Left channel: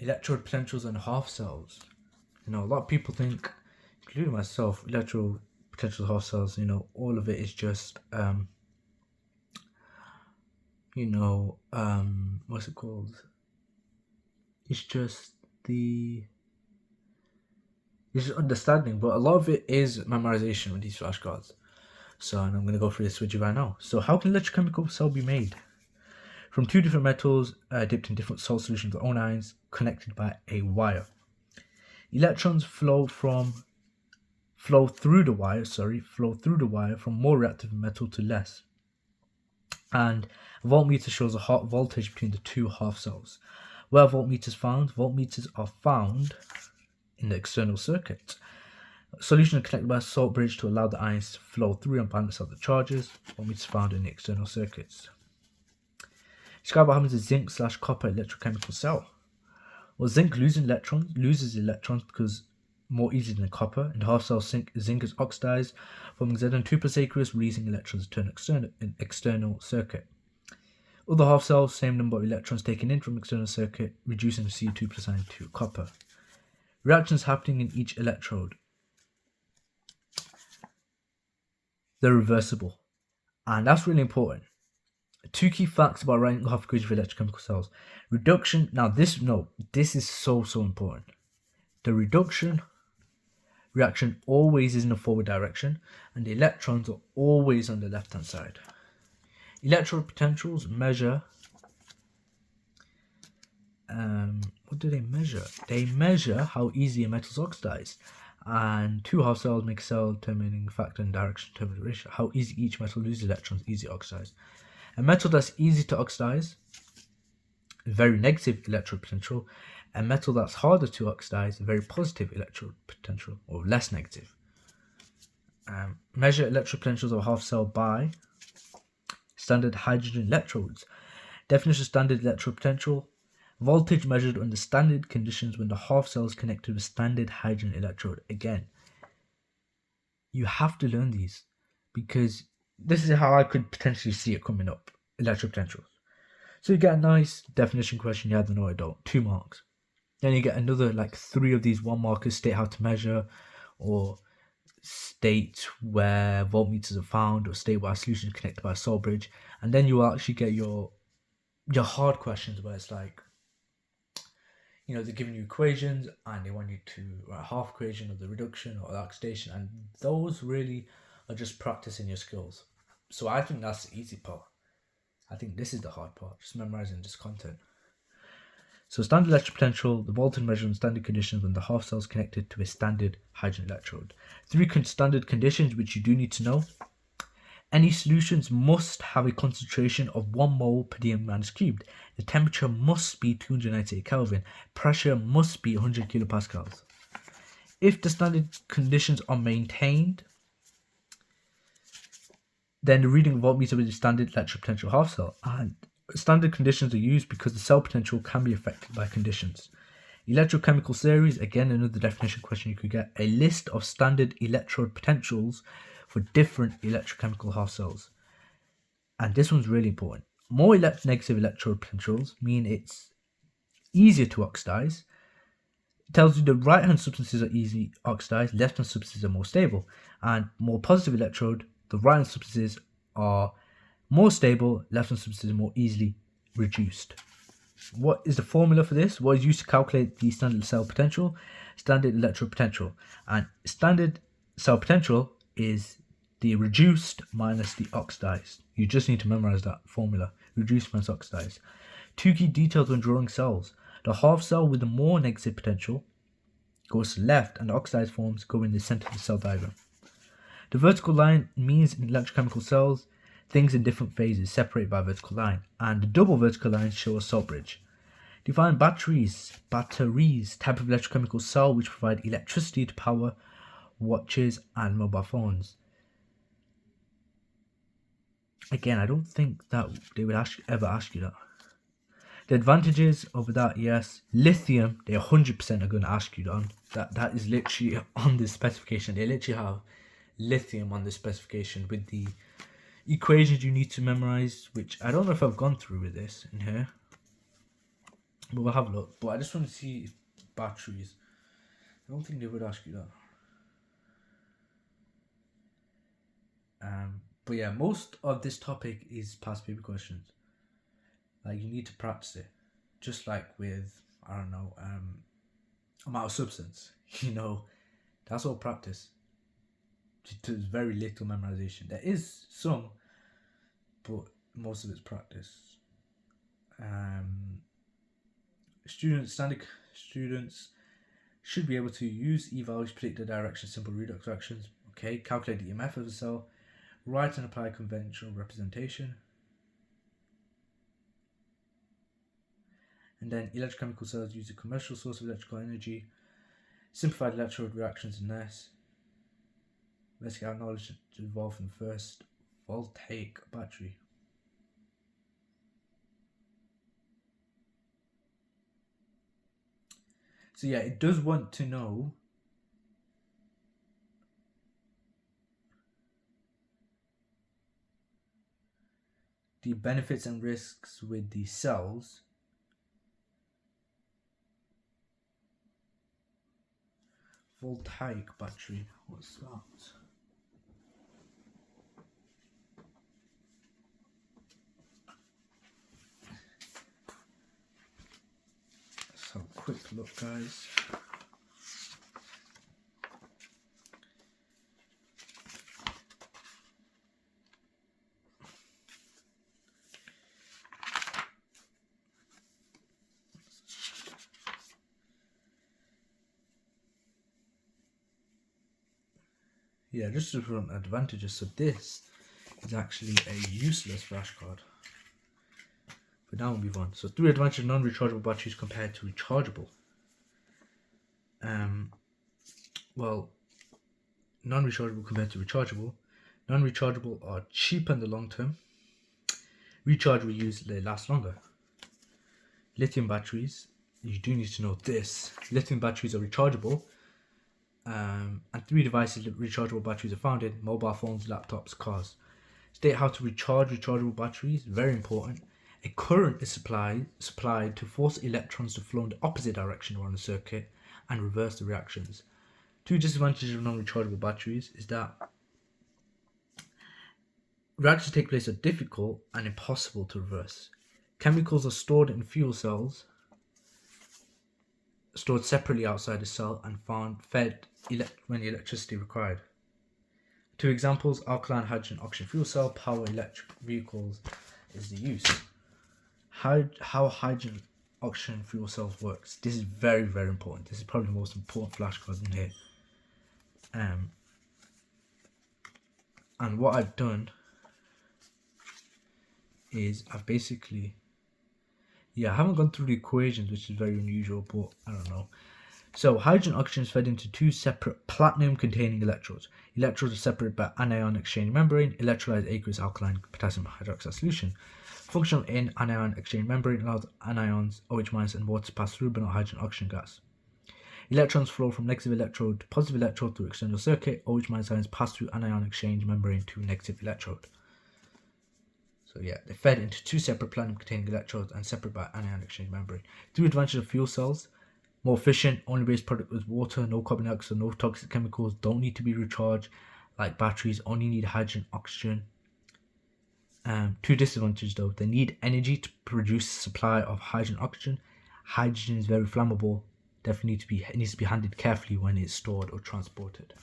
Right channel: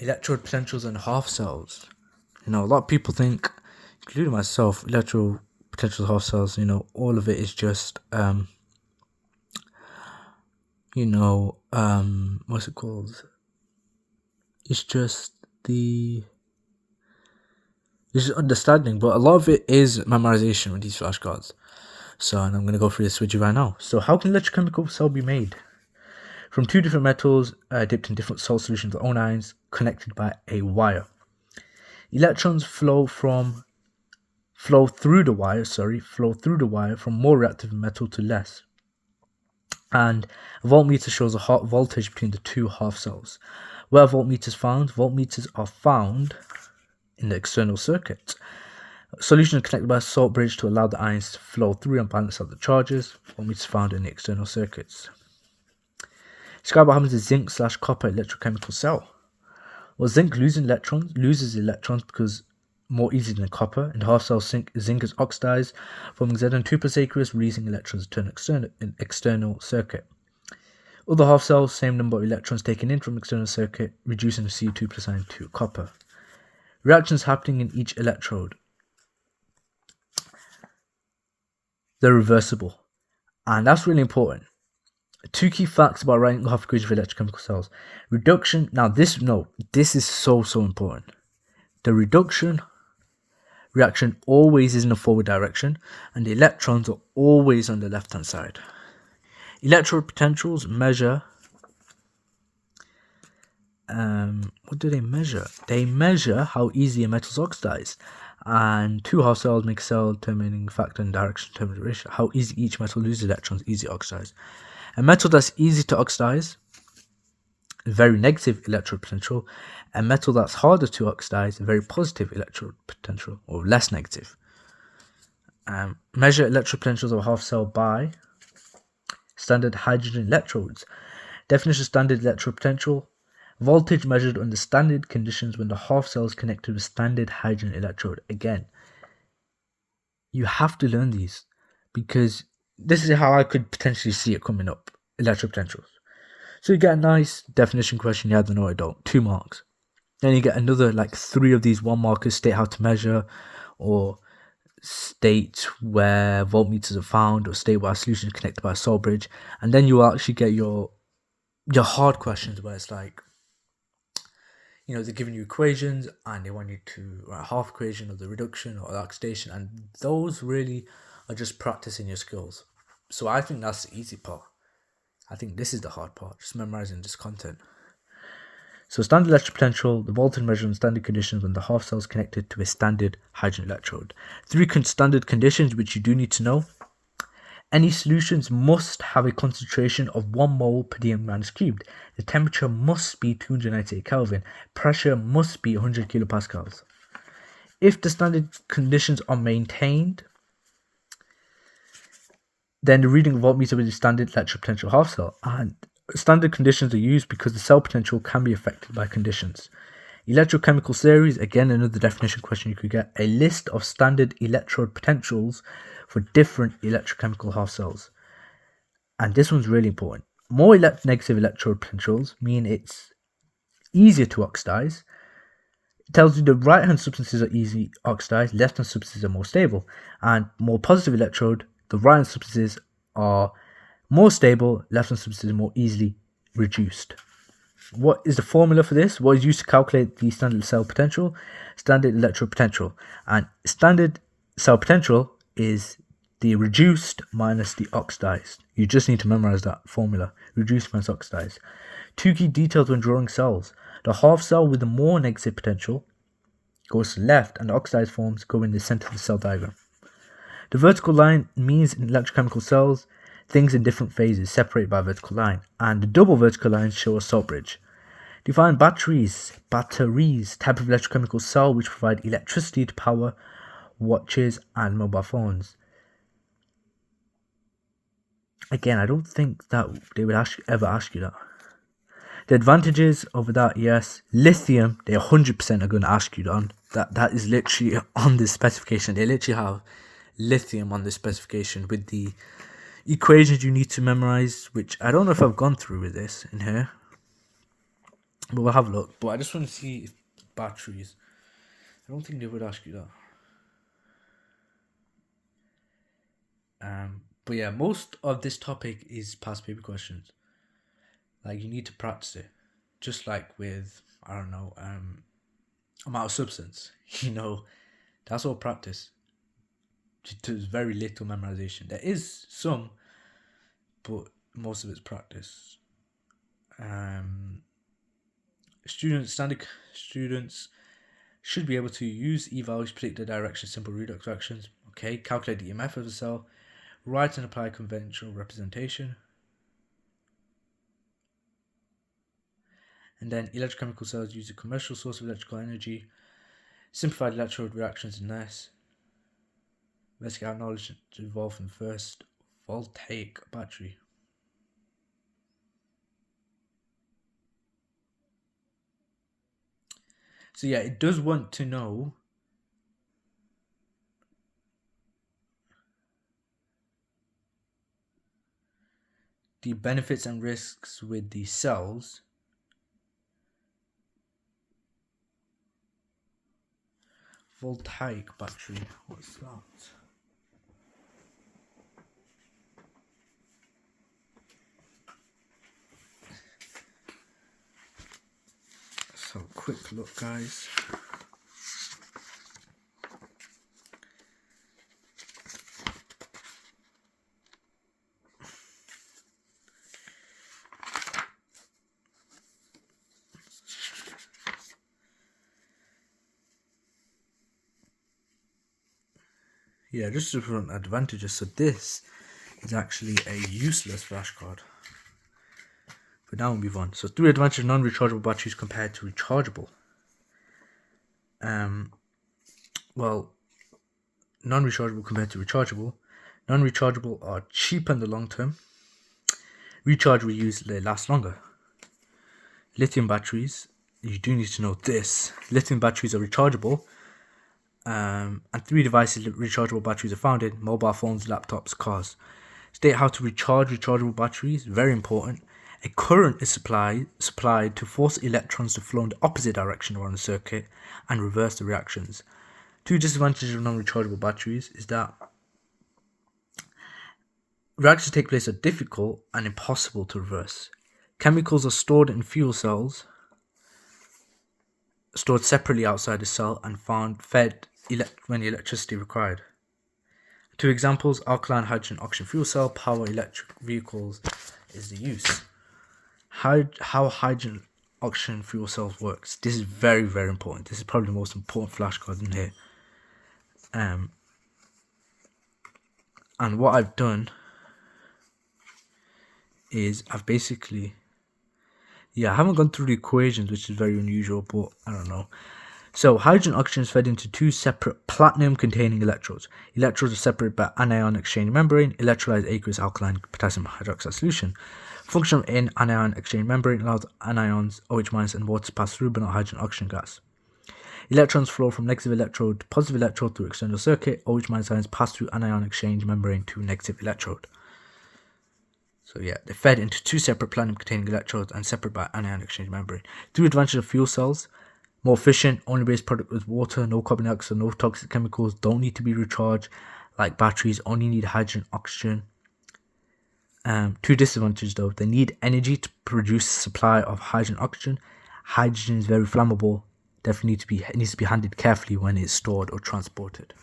Electrode potentials and half cells. A lot of people think, including myself, electrode potentials, half cells, all of it is just what's it called? It's just understanding, but a lot of it is memorization with these flashcards. So, and I'm going to go through this with you right now. So, how can electrochemical cell be made? From two different metals dipped in different salt solutions with own ions connected by a wire. Electrons flow through the wire from more reactive metal to less. And a voltmeter shows a hot voltage between the two half cells. Where voltmeters found? Voltmeters are found in the external circuit. Solution is connected by a salt bridge to allow the ions to flow through and balance out the charges. Voltmeters found in the external circuits. Describe what happens to zinc/copper electrochemical cell. Well, zinc loses electrons because more easily than copper. In the half cell, zinc is oxidized, forming Zn2+ aqueous, releasing electrons to an external circuit. Other half cells, same number of electrons taken in from external circuit, reducing the Cu2+ ion to copper. Reactions happening in each electrode. They're reversible, and that's really important. Two key facts about writing half equation for electrochemical cells. Reduction. Now this is so important. The reduction reaction always is in the forward direction, and the electrons are always on the left hand side. Electrode potentials measure. What do they measure? They measure how easily a metal is oxidized. And two half cells make a cell determining factor and direction determining ratio. How easy each metal loses electrons, easy oxidized. A metal that's easy to oxidize, very negative electrode potential. A metal that's harder to oxidize, very positive electrode potential, or less negative. Measure electrode potentials of a half cell by standard hydrogen electrodes. Definition of standard electrode potential. Voltage measured under standard conditions when the half cell is connected with standard hydrogen electrode. Again, you have to learn these because this is how I could potentially see it coming up. Electrode potentials. So you get a nice definition question, you either know or don't, 2 marks. Then you get another 3 of these 1 markers, state how to measure, or state where voltmeters are found, or state where a solution is connected by a salt bridge. And then you will actually get your hard questions where it's like, they're giving you equations and they want you to write a half equation of the reduction or the oxidation, and those really are just practicing your skills. So I think that's the easy part. I think this is the hard part, just memorizing this content. So standard electrode potential, the voltage measured in standard conditions when the half cell is connected to a standard hydrogen electrode. 3 standard conditions which you do need to know. Any solutions must have a concentration of 1 mole per dm cubed. The temperature must be 298 Kelvin. Pressure must be 100 kilopascals. If the standard conditions are maintained, then the reading of voltmeter will be standard electrode potential half cell. And standard conditions are used because the cell potential can be affected by conditions. Electrochemical series, again another definition question you could get. A list of standard electrode potentials for different electrochemical half cells. And this one's really important. More negative electrode potentials mean it's easier to oxidize. It tells you the right hand substances are easy oxidized, left hand substances are more stable. And more positive electrode, the right hand substances are more stable, left hand substances are more easily reduced. What is the formula for this? What is used to calculate the standard cell potential? Standard electrode potential. And standard cell potential is the reduced minus the oxidized. You just need to memorize that formula. Reduced minus oxidized. 2 key details when drawing cells. The half cell with the more negative potential goes to the left, and the oxidized forms go in the center of the cell diagram. The vertical line means in electrochemical cells, things in different phases separated by a vertical line, and the double vertical lines show a salt bridge. Define batteries, type of electrochemical cell which provide electricity to power watches and mobile phones. Again, I don't think that they would ever ask you that. The advantages over that, yes. Lithium, they 100% are going to ask you that. That is literally on the specification. They literally have lithium on the specification with the equations you need to memorize, which I don't know if I've gone through with this in here. But we'll have a look. But I just want to see if batteries. I don't think they would ask you that. But yeah, most of this topic is past paper questions. Like, you need to practice it. Just like with, I don't know, amount of substance. That's all practice. There's very little memorization. There is some, but most of it's practice. Standard students should be able to use e-values, predict the direction of simple redox reactions. Okay, calculate the EMF of the cell, write and apply conventional representation. And then electrochemical cells use a commercial source of electrical energy. Simplified electrode reactions in this. Investigate how knowledge evolved from the first voltaic battery. So yeah, it does want to know the benefits and risks with the cells. Voltaic battery, what's that? Let's have a quick look, guys. Yeah, just different advantages. So this is actually a useless flashcard. But now we'll move on. So 3 advantages of non-rechargeable batteries compared to rechargeable. Well, non-rechargeable compared to rechargeable. Non-rechargeable are cheaper in the long term. Rechargeable use they last longer. Lithium batteries, you do need to know this. Lithium batteries are rechargeable. And 3 devices rechargeable batteries are found in: mobile phones, laptops, cars. State how to recharge rechargeable batteries, very important. A current is supplied to force electrons to flow in the opposite direction around the circuit and reverse the reactions. 2 disadvantages of non-rechargeable batteries is that reactions take place are difficult and impossible to reverse. Chemicals are stored in fuel cells, stored separately outside the cell and fed when electricity required. 2 examples: alkaline hydrogen oxygen fuel cell, power electric vehicles is the use. How hydrogen oxygen fuel cells works. This is very, very important. This is probably the most important flashcard in here. And what I've done is I haven't gone through the equations, which is very unusual, but I don't know. So hydrogen oxygen is fed into 2 separate platinum-containing electrodes. Electrodes are separated by anion exchange membrane. Electrolyzed aqueous alkaline potassium hydroxide solution. Function in anion exchange membrane allows anions OH- and water to pass through, but not hydrogen oxygen gas. Electrons flow from negative electrode to positive electrode through external circuit. OH- ions pass through anion exchange membrane to negative electrode. So yeah, they're fed into 2 separate platinum-containing electrodes and separated by anion exchange membrane. 3 advantages of fuel cells: more efficient, only base product with water, no carbon dioxide, no toxic chemicals, don't need to be recharged like batteries, only need hydrogen oxygen. 2 disadvantages though: they need energy to produce supply of hydrogen oxygen. Hydrogen is very flammable, definitely needs to be handled carefully when it's stored or transported.